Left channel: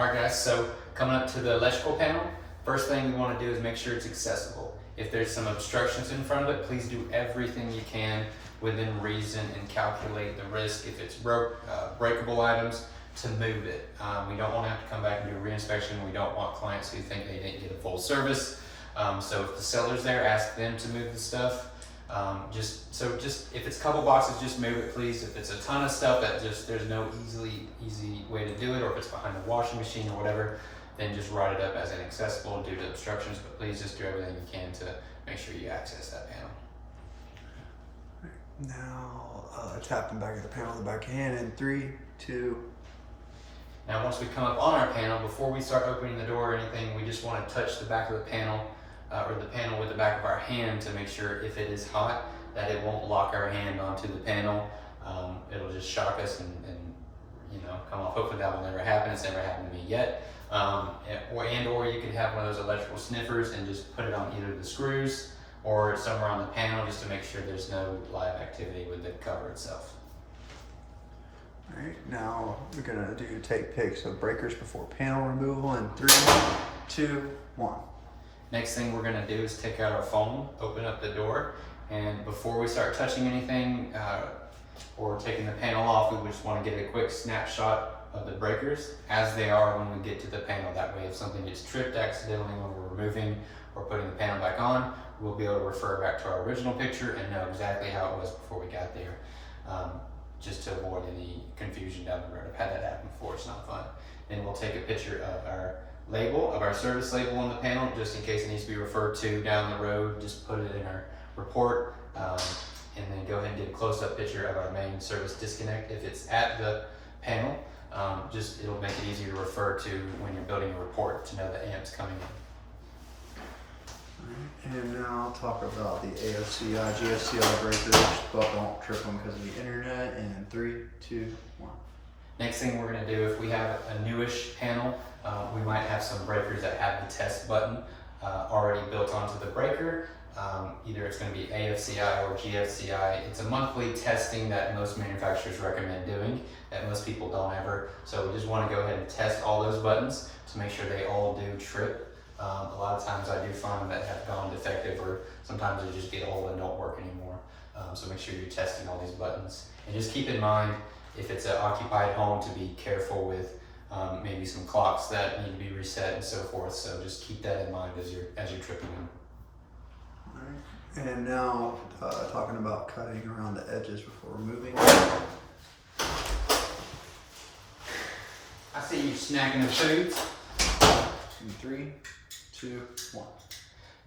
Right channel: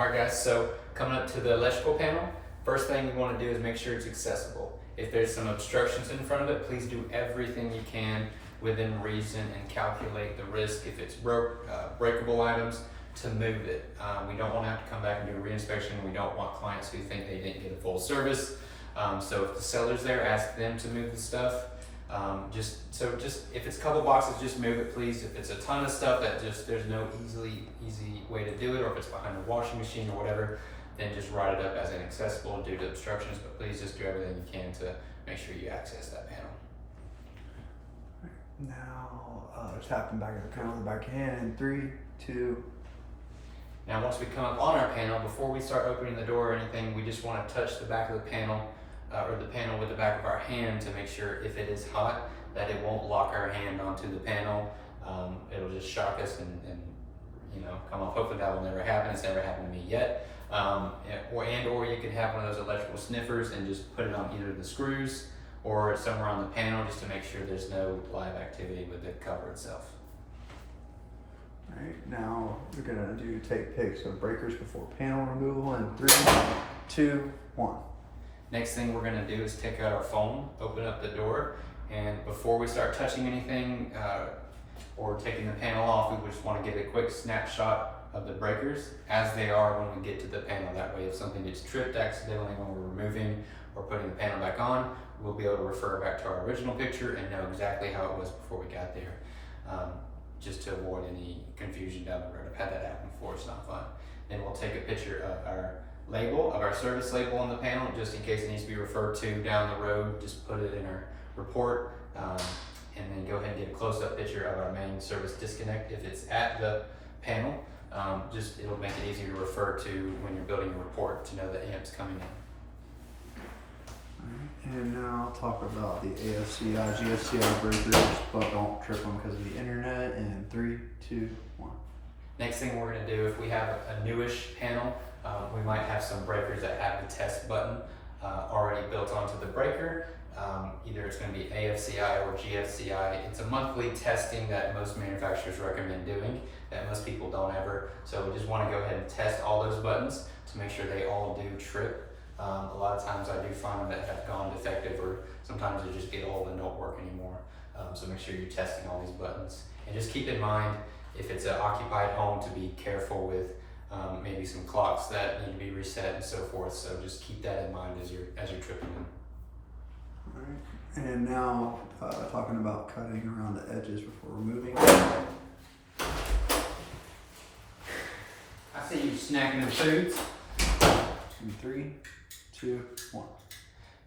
Alright guys, so coming up to the electrical panel, first thing you want to do is make sure it's accessible. If there's some obstructions in front of it, please do everything you can within reason and calculate the risk. If it's breakable items, to move it. We don't want to have to come back and do a re-inspection. We don't want clients who think they didn't get a full service. So if the seller's there, ask them to move the stuff. Just if it's a couple boxes, just move it, please. If it's a ton of stuff that there's no easy way to do it, or if it's behind a washing machine or whatever, then just write it up as inaccessible due to obstructions. But please just do everything you can to make sure you access that panel. Now tapping back at the panel with the back hand in 3, 2. Now once we come up on our panel, before we start opening the door or anything, we just want to touch the back of the panel or the panel with the back of our hand to make sure if it is hot that it won't lock our hand onto the panel. It'll just shock us and come off. Hopefully that will never happen. It's never happened to me yet. Or you can have one of those electrical sniffers and just put it on either the screws or somewhere on the panel just to make sure there's no live activity with the cover itself. All right, now we're gonna do tape picks of breakers before panel removal in 3, 2, 1. Next thing we're gonna do is take out our phone, open up the door, and before we start touching anything or taking the panel off, we just wanna get a quick snapshot of the breakers as they are when we get to the panel. That way if something gets tripped accidentally when we're removing or putting the panel back on, we'll be able to refer back to our original picture and know exactly how it was before we got there. Just to avoid any confusion down the road. I've had that happen before, it's not fun. Then we'll take a picture of our label, of our service label on the panel, just in case it needs to be referred to down the road. Just put it in our report, and then go ahead and get a close-up picture of our main service disconnect. If it's at the panel, it'll make it easier to refer to when you're building a report to know the amp's coming in. And now I'll talk about the AFCI, GFCI breakers, but don't trip them because of the internet. In 3, 2, 1. Next thing we're going to do, if we have a newish panel, we might have some breakers that have the test button already built onto the breaker. Either it's going to be AFCI or GFCI. It's a monthly testing that most manufacturers recommend doing that most people don't ever. So we just want to go ahead and test all those buttons to make sure they all do trip. A lot of times I do find them that have gone defective, or sometimes they just get old and don't work anymore. So make sure you're testing all these buttons. And just keep in mind, if it's an occupied home, to be careful with maybe some clocks that need to be reset and so forth. So just keep that in mind as you're tripping them. All right. And now talking about cutting around the edges before removing. I see you snacking the foods. 2, 3, 2, 1.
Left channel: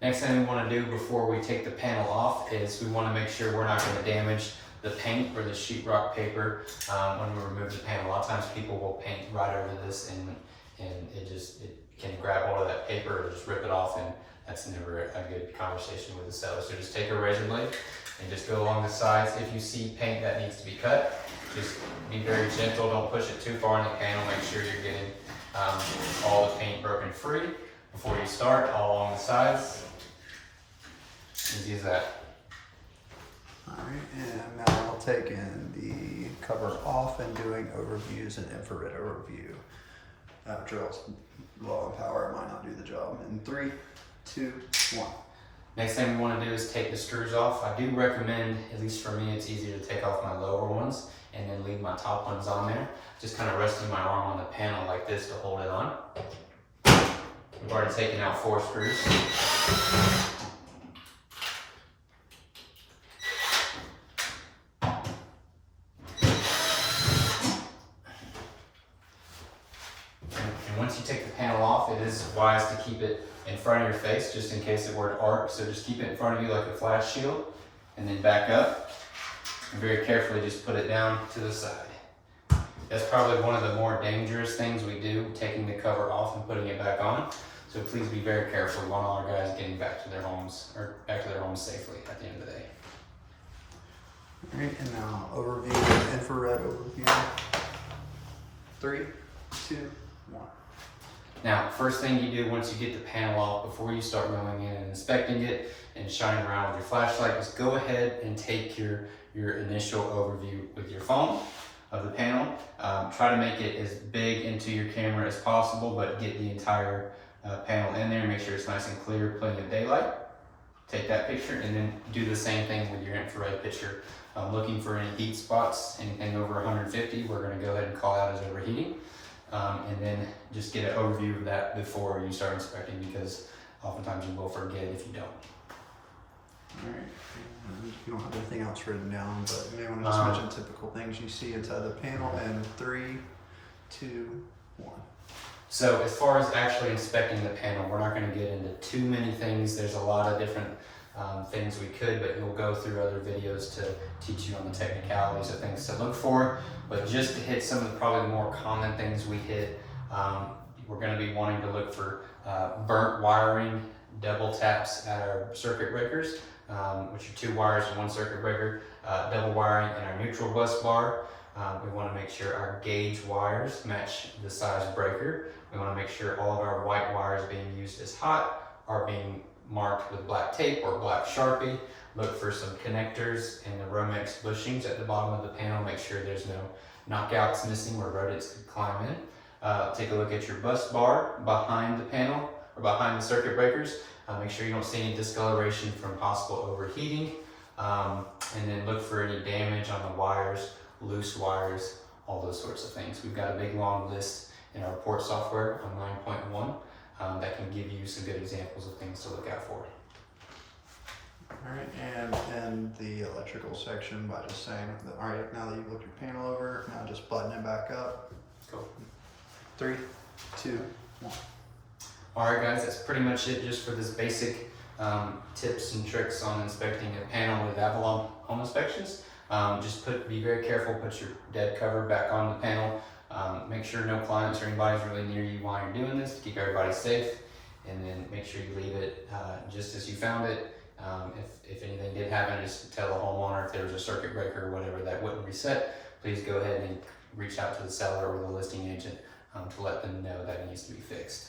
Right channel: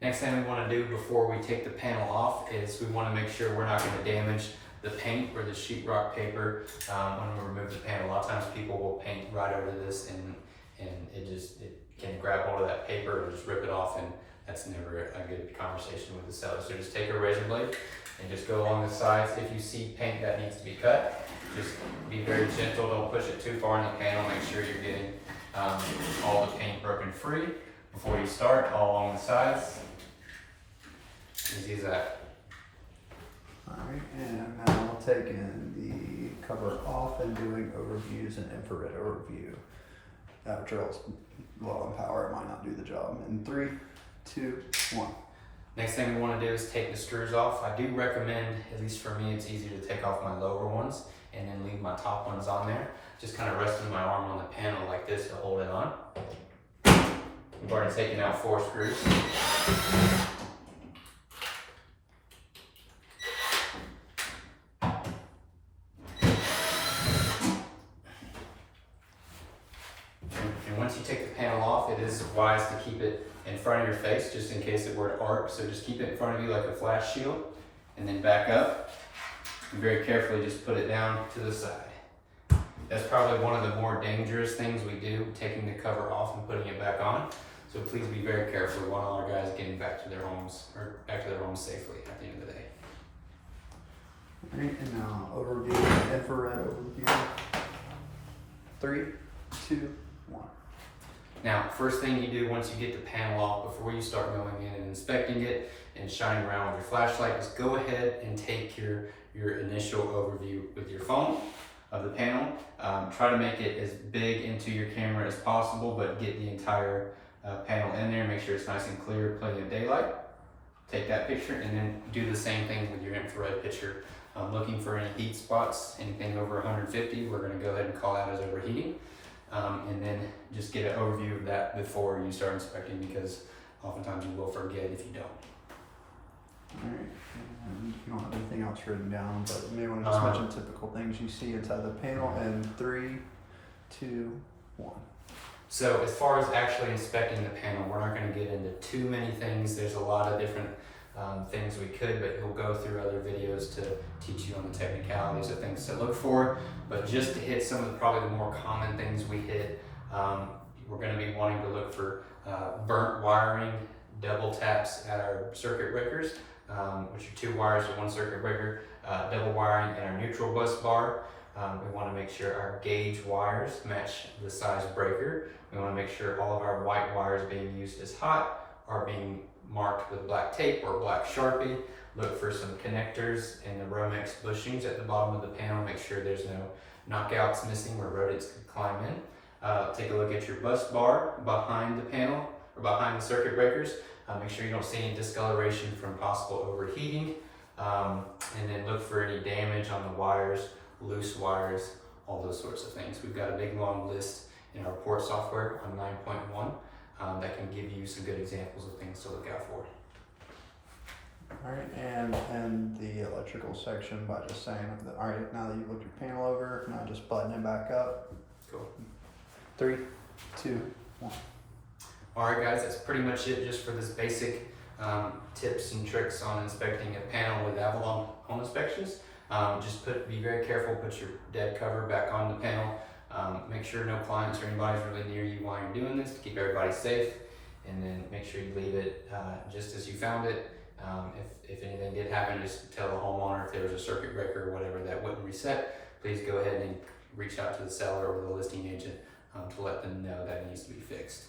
Next thing we want to do before we take the panel off is we want to make sure we're not going to damage the paint or the sheetrock paper when we remove the panel. A lot of times people will paint right over this and it can grab hold of that paper and just rip it off, and that's never a good conversation with the seller. So just take a razor blade and just go along the sides. If you see paint that needs to be cut, just be very gentle. Don't push it too far in the panel. Make sure you're getting all the paint broken free before you start, all along the sides. Easy as that. Alright, and now we'll take in the cover off and doing overviews and infrared overview. Drill's low in power, it might not do the job. In 3, 2, 1. Next thing we want to do is take the screws off. I do recommend, at least for me, it's easier to take off my lower ones and then leave my top ones on there. Just kind of resting my arm on the panel like this to hold it on. We've already taken out 4 screws. And once you take the panel off, it is wise to keep it in front of your face just in case it were to arc. So just keep it in front of you like a flash shield and then back up. And very carefully just put it down to the side. That's probably one of the more dangerous things we do, taking the cover off and putting it back on. So please be very careful. We want all our guys getting back to their homes safely at the end of the day. All right, and now overview, infrared overview. 3, 2, 1. Now, first thing you do once you get the panel off, before you start going in and inspecting it and shining around with your flashlight, is go ahead and take your initial overview with your phone. of the panel. Try to make it as big into your camera as possible, but get the entire panel in there. Make sure it's nice and clear, plenty of daylight. Take that picture and then do the same thing with your infrared picture. Looking for any heat spots, anything over 150, we're going to go ahead and call out as overheating. And then just get an overview of that before you start inspecting, because oftentimes you will forget if you don't. Alright, and you don't have anything else written down, but you may want to just mention typical things you see inside the panel in 3, 2, 1. So as far as actually inspecting the panel, we're not going to get into too many things. There's a lot of different things we could, but we'll go through other videos to teach you on the technicalities of things to look for. But just to hit some of the probably the more common things we hit, we're going to be wanting to look for burnt wiring, double taps at our circuit breakers, which are 2 wires to 1 circuit breaker, double wiring in our neutral bus bar. We want to make sure our gauge wires match the size breaker. We want to make sure all of our white wires being used as hot are being marked with black tape or black Sharpie. Look for some connectors in the Romex bushings at the bottom of the panel. Make sure there's no knockouts missing where rodents could climb in. Take a look at your bus bar behind the panel or behind the circuit breakers. Make sure you don't see any discoloration from possible overheating. And then look for any damage on the wires, loose wires, all those sorts of things. We've got a big long list in our report software on 9.1 that can give you some good examples of things to look out for. Alright, and end the electrical section by just saying, alright, now that you've looked your panel over, now just button it back up. Cool. 3, 2, 1. Alright guys, that's pretty much it just for this basic tips and tricks on inspecting a panel with Avalon Home Inspections. Just be very careful, put your dead cover back on the panel. Make sure no clients or anybody's really near you while you're doing this to keep everybody safe. And then make sure you leave it just as you found it. If anything did happen, just tell the homeowner if there was a circuit breaker or whatever that wouldn't reset. Please go ahead and reach out to the seller or the listing agent to let them know that it needs to be fixed.